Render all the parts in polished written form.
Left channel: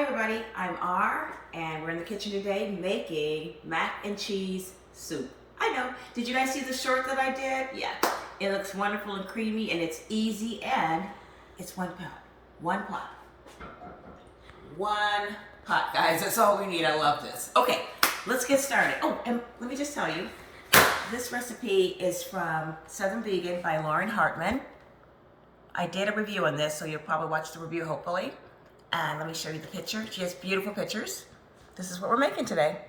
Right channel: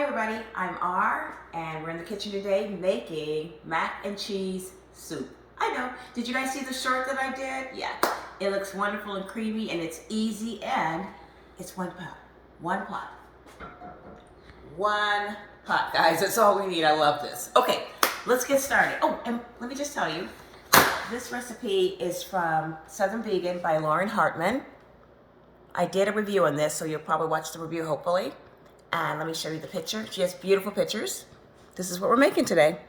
Hi everybody, I'm R and we're in the kitchen today making mac and cheese soup. I know, did you guys see the short that I did? Yeah, it looks wonderful and creamy and it's easy and it's one pot. One pot. One pot, guys, that's all we need. I love this. Okay, let's get started. Oh, and let me just tell you, this recipe is from Southern Vegan by Hartmann. I did a review on this, so you'll probably watch the review hopefully. And let me show you the picture. She has beautiful pictures. This is what we're making today.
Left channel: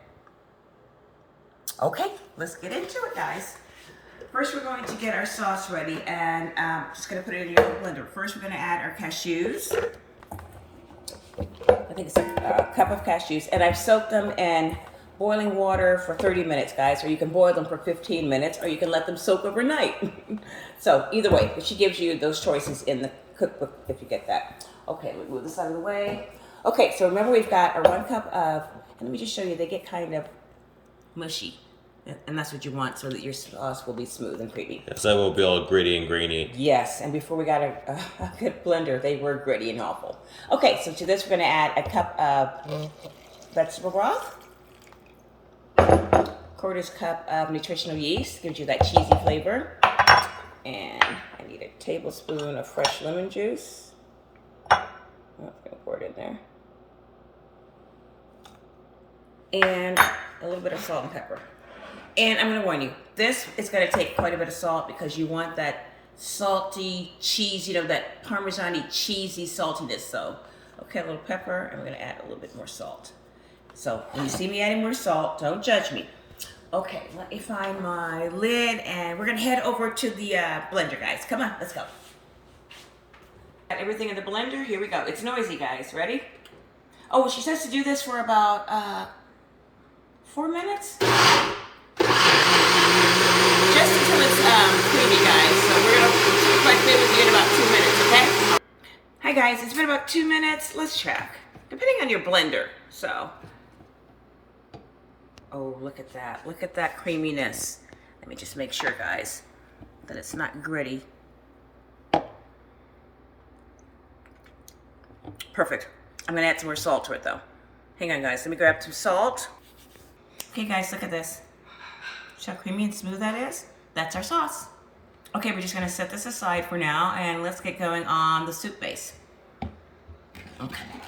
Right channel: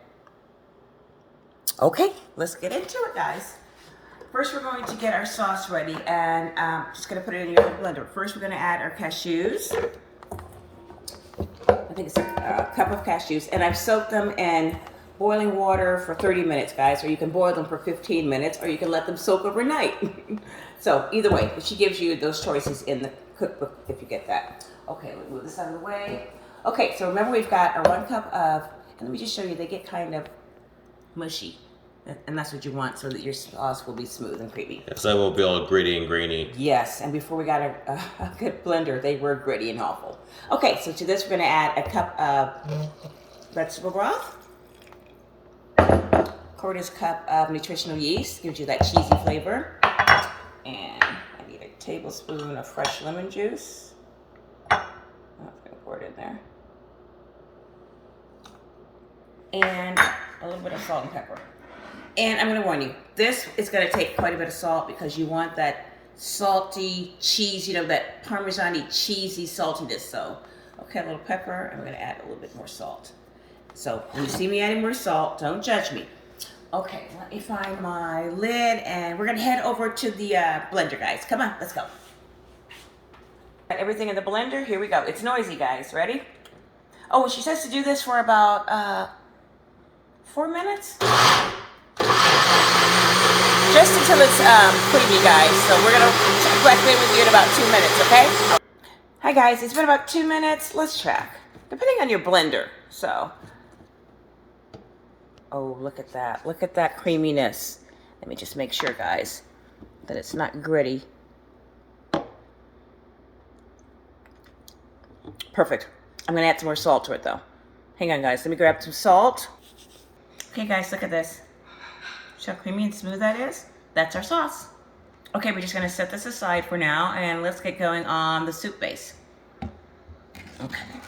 Okay, let's get into it, guys. First, we're going to get our sauce ready, and just gonna put it in your blender. First, we're gonna add our cashews. I think it's a cup of cashews, and I've soaked them in boiling water for 30 minutes, guys, or you can boil them for 15 minutes, or you can let them soak overnight. So either way, but she gives you those choices in the cookbook if you get that. Okay, let me move this out of the way. Okay, so remember we've got our 1 cup of, and let me just show you, they get kind of mushy. And that's what you want so that your sauce will be smooth and creamy. Yes, I won't be all gritty and grainy. Yes, and before we got a good blender, they were gritty and awful. Okay, so to this we're gonna add a cup of vegetable broth. 1/4 cup of nutritional yeast, gives you that cheesy flavor. And I need a tablespoon of fresh lemon juice. I'm gonna pour it in there. And a little bit of salt and pepper. And I'm gonna warn you, this is gonna take quite a bit of salt because you want that salty cheese, you know, that Parmesan-y cheesy saltiness. So, okay, a little pepper, and we're gonna add a little bit more salt. So when you see me adding more salt, don't judge me. Okay, let me find my lid, and we're gonna head over to the blender, guys. Come on, let's go. Got everything in the blender, here we go. It's noisy, guys, ready? Oh, she says to do this for about 4 minutes? Just until it's creamy, guys. So we're gonna check back in with you in about 2 minutes, okay? Hi guys, it's been about 2 minutes. Let's check. Depending on your blender, so. Oh, look at that. Look at that creaminess. Let me just make sure, guys, that it's not gritty. Perfect. I'm gonna add some more salt to it though. Hang on, guys, let me grab some salt. Okay guys, look at this. See how creamy and smooth that is? That's our sauce. Okay, we're just gonna set this aside for now and let's get going on the soup base. Okay,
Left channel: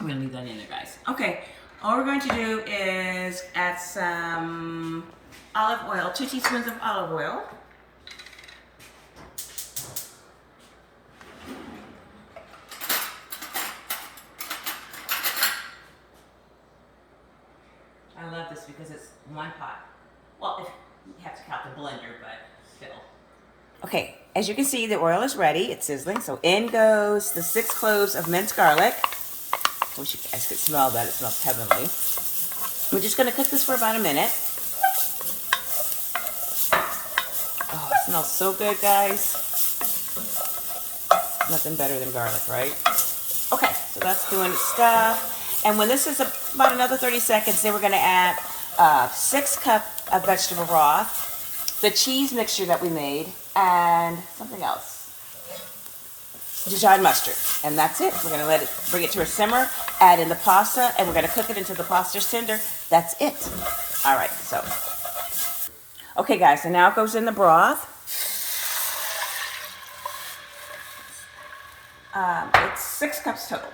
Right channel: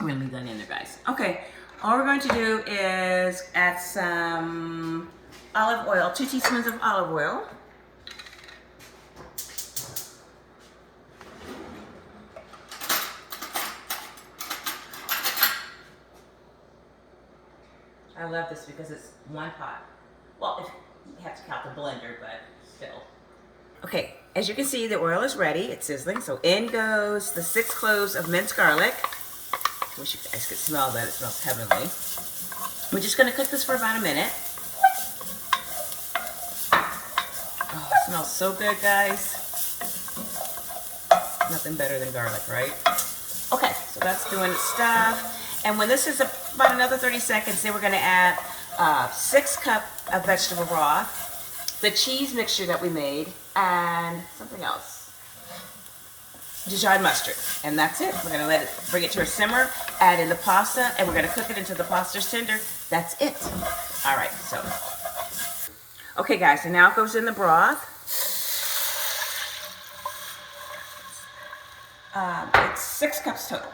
we're gonna leave that in there, guys. Okay, all we're going to do is add some olive oil, 2 teaspoons of olive oil. I love this because it's 1 pot. Well, if you have to count the blender, but still. Okay, as you can see, the oil is ready. It's sizzling. So in goes the 6 cloves of minced garlic. I wish you guys could smell that. It smells heavenly. We're just going to cook this for about a minute. Oh, it smells so good, guys. Nothing better than garlic, right? Okay, so that's doing its stuff. And when this is about another 30 seconds, then we're going to add 6 cups of vegetable broth, the cheese mixture that we made, and something else. Dijon mustard. And that's it. We're going to bring it to a simmer, add in the pasta, and we're going to cook it until the pasta's tender. That's it. All right, so. Okay, guys, so now it goes in the broth. It's 6 cups total.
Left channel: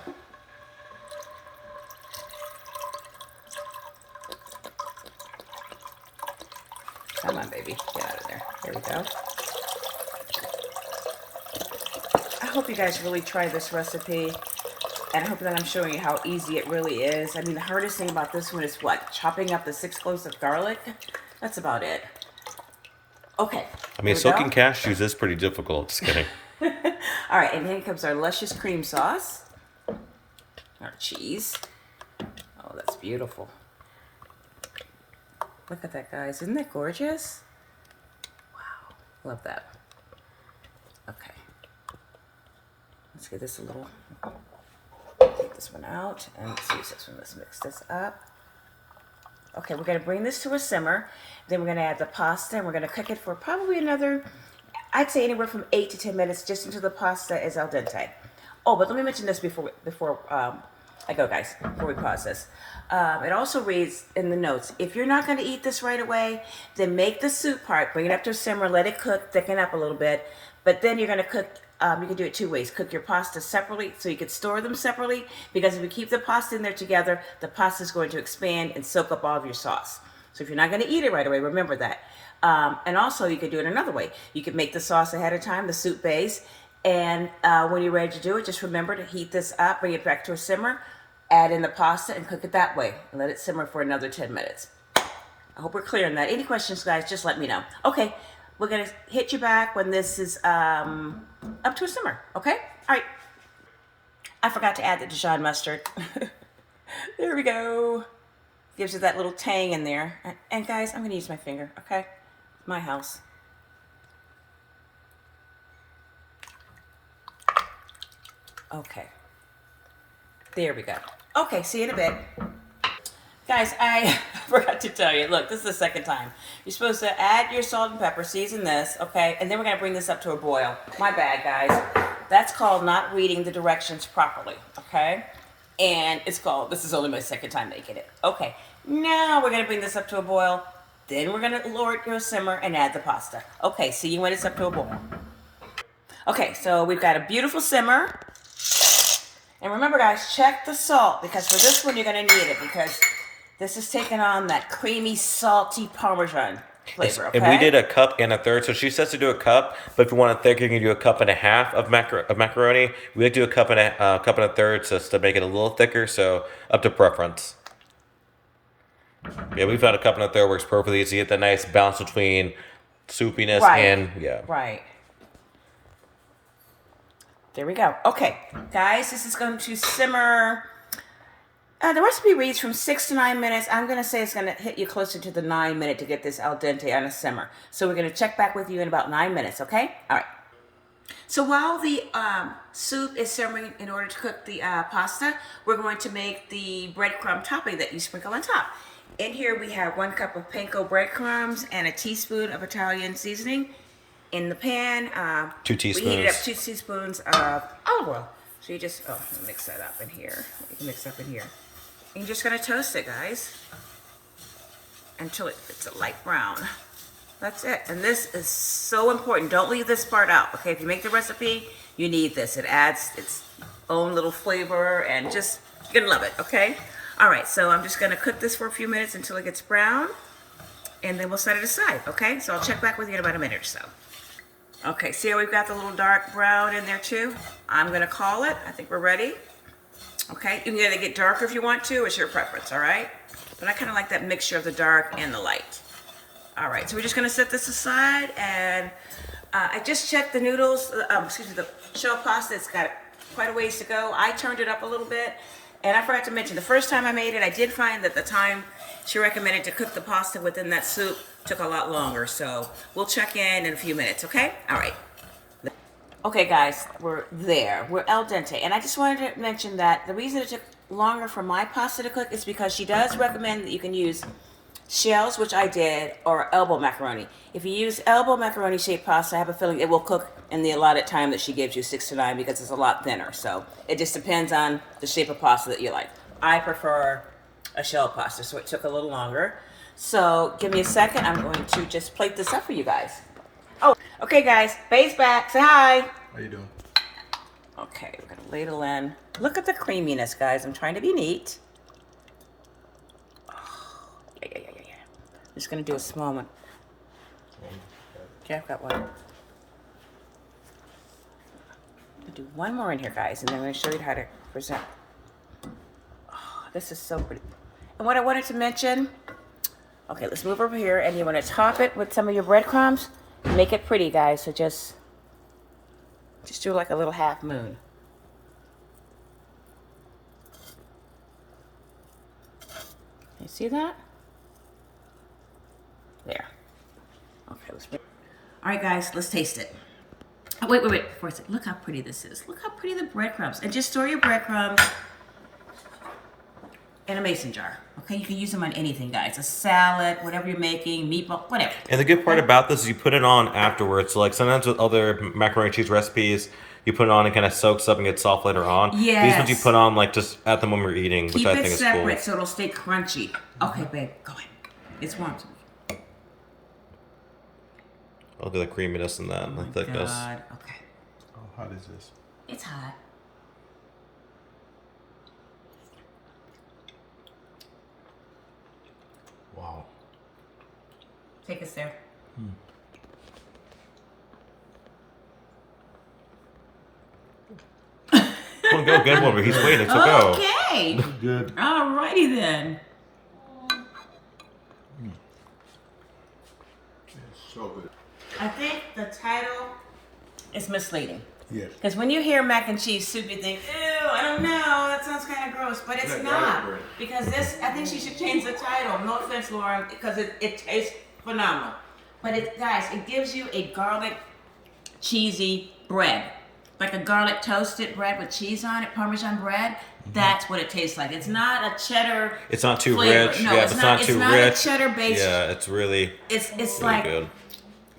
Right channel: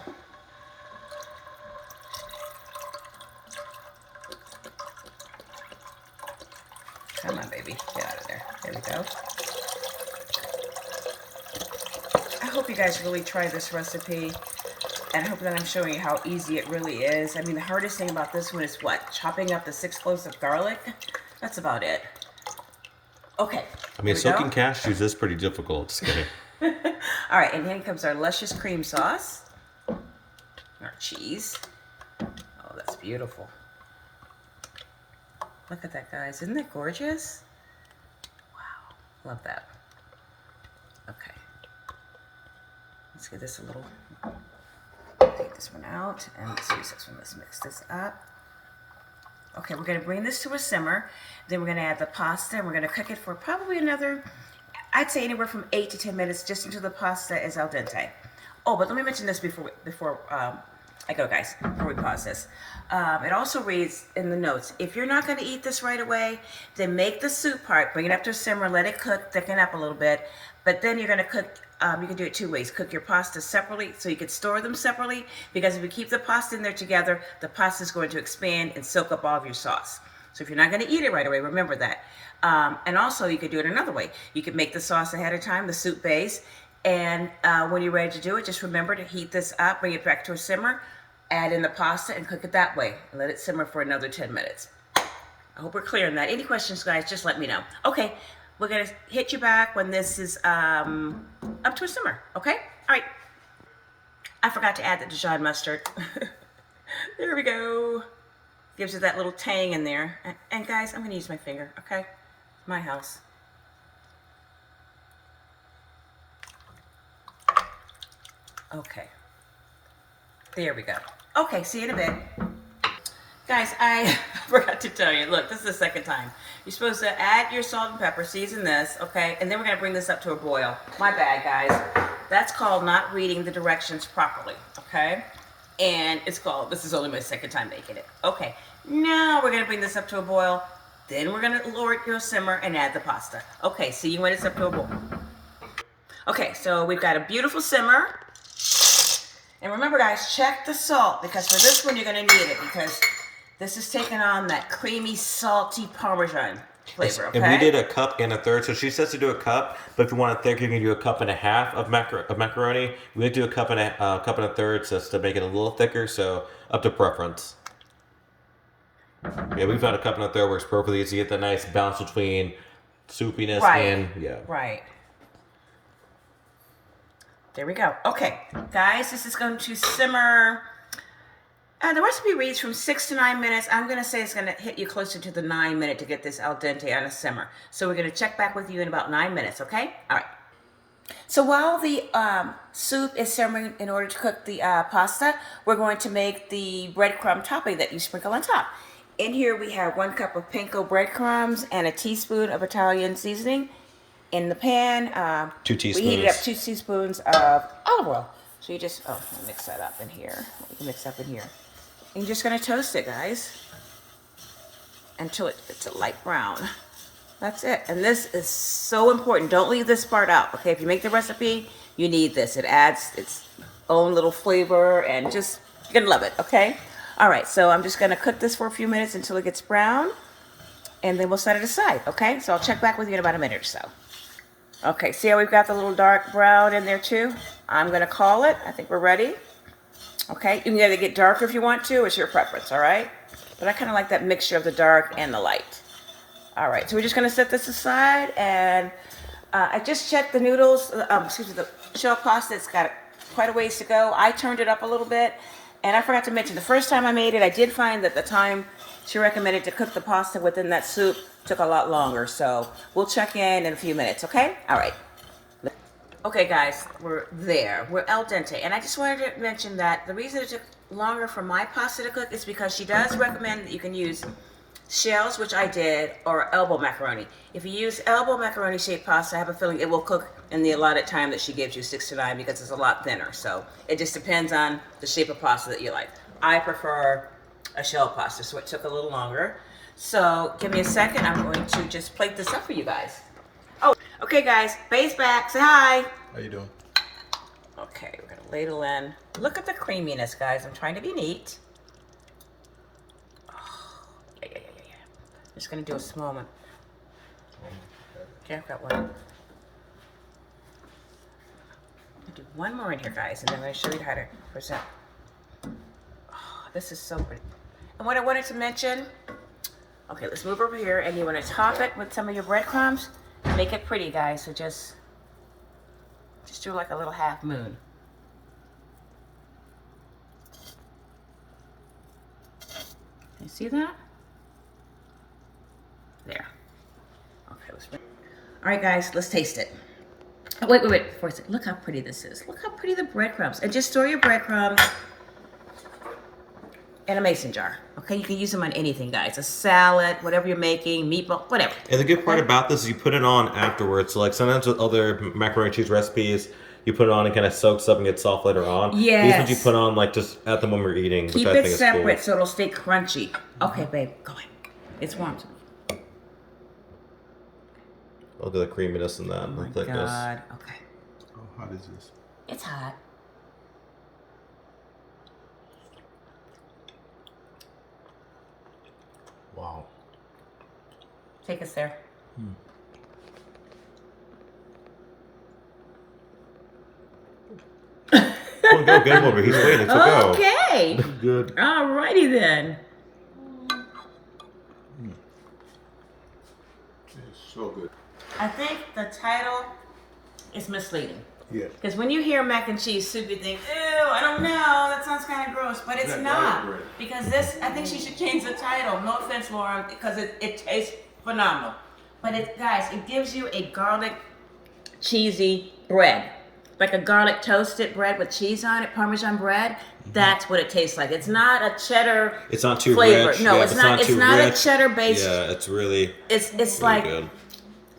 Come on, baby. Get out of there. There we go. I hope you guys really try this recipe. And I hope that I'm showing you how easy it really is. I mean, the hardest thing about this one is what? Chopping up the 6 cloves of garlic? That's about it. Okay. I mean, soaking cashews is pretty difficult. Just kidding. All right, and then comes our luscious cream sauce. Our cheese. Oh, that's beautiful. Look at that, guys. Isn't that gorgeous? Wow. Love that. Okay. Let's get this a little... Take this one out and let's use this one. Let's mix this up. Okay, we're going to bring this to a simmer. Then we're going to add the pasta and we're going to cook it for probably another, I'd say anywhere from 8 to 10 minutes just until the pasta is al dente. Oh, but let me mention this before I go, guys, before we pause this. It also reads in the notes, if you're not going to eat this right away, then make the soup part, bring it up to a simmer, let it cook, thicken up a little bit. But then you're going to cook, you can do it two ways. Cook your pasta separately, so you could store them separately, because if you keep the pasta in there together, the pasta is going to expand and soak up all of your sauce. So if you're not going to eat it right away, remember that. And also, you could do it another way. You could make the sauce ahead of time, the soup base, and when you're ready to do it, just remember to heat this up, bring it back to a simmer, add in the pasta, and cook it that way. And let it simmer for another 10 minutes. I hope we're clear on that. Any questions, guys, just let me know. Okay, we're going to hit you back when this is up to a simmer, okay? All right. I forgot to add the Dijon mustard. There we go. Gives you that little tang in there. And guys, I'm going to use my finger, okay? My house. Okay. There we go. Okay, see you in a bit. Guys, I forgot to tell you. Look, this is the second time. You're supposed to add your salt and pepper, season this, okay? And then we're going to bring this up to a boil. My bad, guys. That's called not reading the directions properly, okay? And it's called, this is only my second time making it. Okay, now we're going to bring this up to a boil. Then we're going to lower it to a simmer and add the pasta. Okay, see you when it's up to a boil. Okay, so we've got a beautiful simmer. And remember, guys, check the salt, because for this one, you're going to need it, because this is taking on that creamy, salty Parmesan flavor, okay? And we did a cup and a third. So she says to do a cup, but if you want it thicker, you can do a cup and a half of macaroni. We like to do a cup and a third, so to make it a little thicker. So up to preference. Yeah, we found a cup and a third works perfectly. So you get that nice balance between soupiness and Right. There we go. Okay, guys, this is going to simmer. The recipe reads from 6 to 9 minutes. I'm going to say it's going to hit you closer to the 9 minute to get this al dente on a simmer. So we're going to check back with you in about 9 minutes, okay? All right. So while the soup is simmering in order to cook the pasta, we're going to make the breadcrumb topping that you sprinkle on top. In here we have 1 cup of panko breadcrumbs and a teaspoon of Italian seasoning. In the pan, 2 teaspoons. We heated up 2 teaspoons of olive oil. So you just, mix that up in here. You can mix up in here. And you're just gonna toast it, guys, until it's a light brown. That's it. And this is so important. Don't leave this part out, okay? If you make the recipe, you need this. It adds its own little flavor, and just, you're gonna love it, okay? All right, so I'm just gonna cook this for a few minutes until it gets brown, and then we'll set it aside, okay? So I'll check back with you in about a minute or so. Okay, see how we've got the little dark brown in there too? I'm gonna call it. I think we're ready. Okay, you can either get darker if you want to. It's your preference, all right? But I kind of like that mixture of the dark and the light. All right, so we're just gonna set this aside, and I just checked the noodles, the shell pasta. It's got quite a ways to go. I turned it up a little bit, and I forgot to mention, the first time I made it, I did find that the time she recommended to cook the pasta within that soup took a lot longer. So we'll check in a few minutes, okay? All right. Okay, guys, we're there. We're al dente. And I just wanted to mention that the reason it took longer for my pasta to cook is because she does recommend that you can use shells, which I did, or elbow macaroni. If you use elbow macaroni shaped pasta, I have a feeling it will cook in the allotted time that she gives you, 6 to 9, because it's a lot thinner. So it just depends on the shape of pasta that you like. I prefer a shell pasta, so it took a little longer. So give me a second. I'm going to just plate this up for you guys. Oh, okay, guys. Bae's back. Say hi. How you doing? Okay, we're gonna ladle in. Look at the creaminess, guys. I'm trying to be neat. Oh, yeah. Just gonna do a small one. Okay, I've got one. I'm gonna do one more in here, guys, and then I'm gonna show you how to present. Oh, this is so pretty. And what I wanted to mention. Okay, let's move over here, and you want to top it with some of your breadcrumbs. Make it pretty, guys. So just do like a little half moon. You see that? There. Okay, all right, guys, let's taste it. Oh, wait. Before I say, look how pretty this is. Look how pretty the breadcrumbs. And just store your breadcrumbs in a mason jar. Okay, you can use them on anything, guys. A salad, whatever you're making, meatball, whatever. And the good part about this is you put it on afterwards. So like sometimes with other macaroni and cheese recipes, You put it on and kind of soaks up and gets soft later on. Yes. These ones you put on like just at the moment we're eating, which Keep I it think separate is so it'll stay crunchy. Okay, babe, go ahead. It's warm. cool. Look at the creaminess in that, Oh the thickness. God. Okay. How hot is this? It's hot. Wow. Take us there. Come on, go, good one, but he's waiting, so go. Okay. Good. Alrighty then. It's so good. I think the title is misleading. Yes. Because when you hear mac and cheese soup, you think, ew, I don't know, that sounds kind of gross. But it's That not. garlic bread. Because this, I think she should change the title. No offense, Laura, because it tastes phenomenal. But it, guys, it gives you a garlic cheesy bread. Like a garlic toasted bread with cheese on it, Parmesan bread. That's what it tastes like. It's not a cheddar. It's not too flavor. rich. No, yeah, it's it's not too a rich. cheddar based. Yeah, it's really, It's really like good.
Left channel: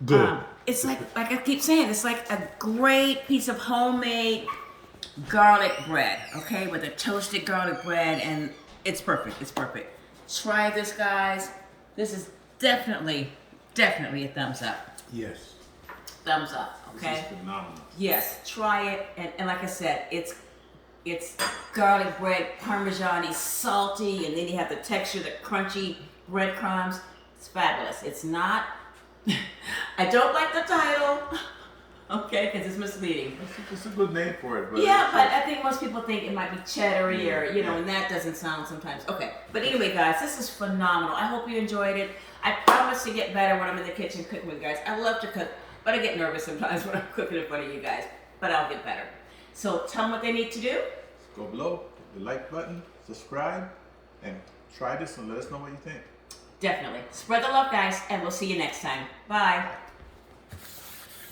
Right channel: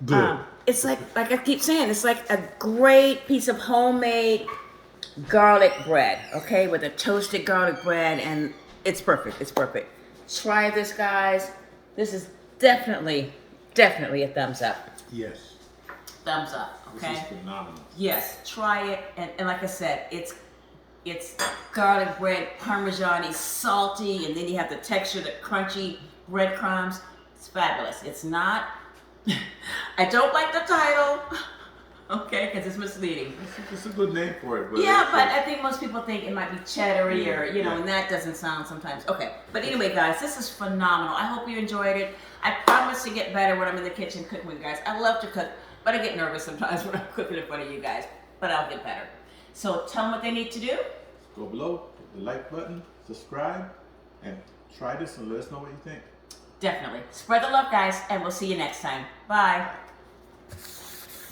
Good. it's like I keep saying, it's like a great piece of homemade garlic bread, okay, with a toasted garlic bread, and it's perfect. It's perfect. Try this, guys. This is definitely a thumbs up. Yes. Thumbs up, okay? This is phenomenal. Yes, try it, and like I said, it's garlic bread, Parmesan-y, salty, and then you have the texture, the crunchy breadcrumbs. It's fabulous. It's not. I don't like the title, okay, because it's misleading. It's a good name for it. But Yeah, but I think most people think it might be cheddary or, you know, Yeah. and that doesn't sound sometimes. Okay, but anyway, guys, this is phenomenal. I hope you enjoyed it. I promise to get better when I'm in the kitchen cooking with you guys. I love to cook, but I get nervous sometimes when I'm cooking in front of you guys, but I'll get better. So tell them what they need to do. go below, hit the like button, subscribe, and try this and let us know what you think. Definitely. Spread the love, guys, and we'll see you next time. Bye.